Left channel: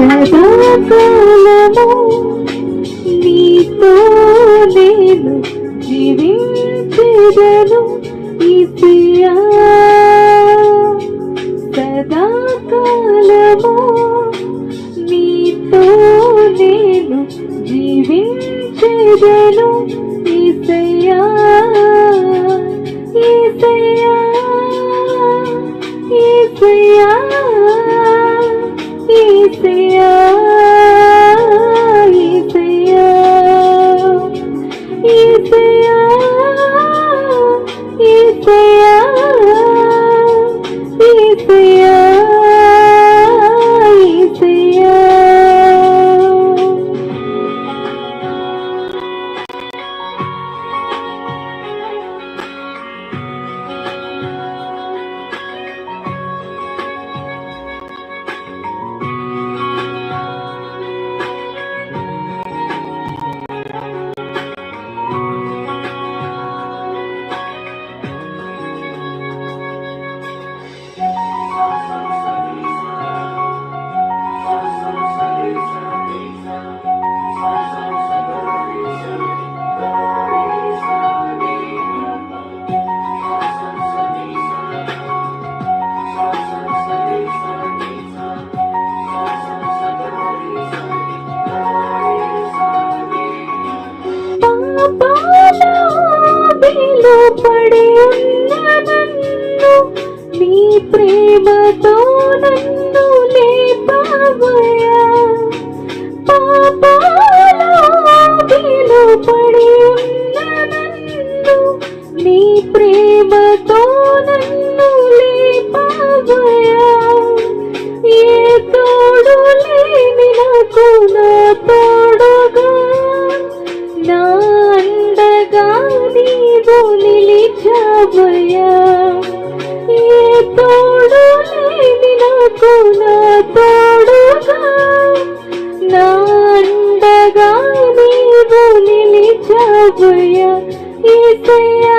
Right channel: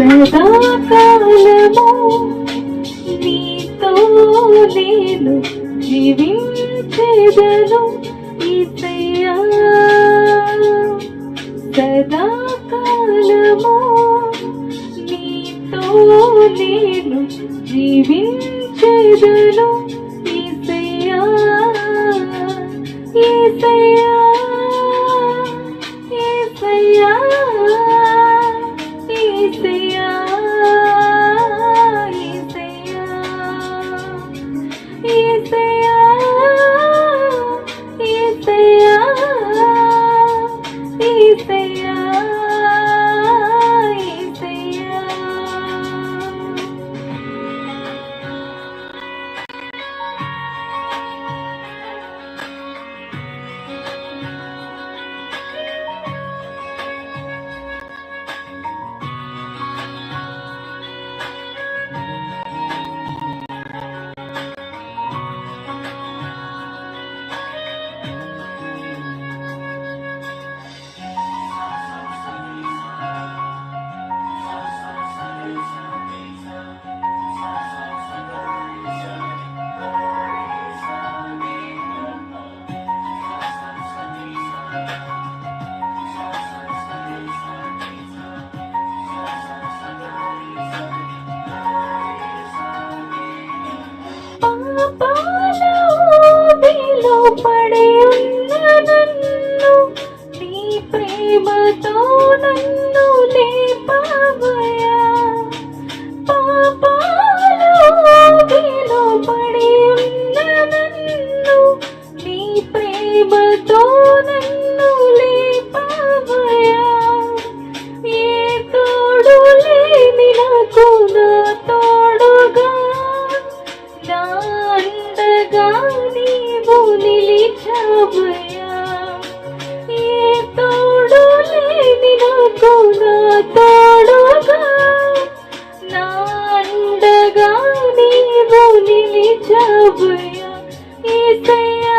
సదాకాలము నీతో నేను జీవించెదను యేసయ్యా. సదాకాలము నీతో నేను జీవించెదను యేసయ్యా. యేసయ్యా యేసయ్యా యేసయ్యా యేసయ్యా యేసయ్యా యేసయ్యా యేసయ్యా యేసయ్యా. పడి ఉన్న నన్ను నీ ప్రేమతో నన్ను లేపావయ్యా. పాపాలో పడి ఉన్న నన్ను నీ ప్రేమతో నన్ను లేపావయ్యా. ఏ తోడు లేని నాకు నా తోడుగా నా అండగా నీవు నిలిచావయ్యా. ఏ తోడు లేని నాకు నా తోడుగా నా అండగా నీవు నిలిచావయ్యా. యేసయ్యా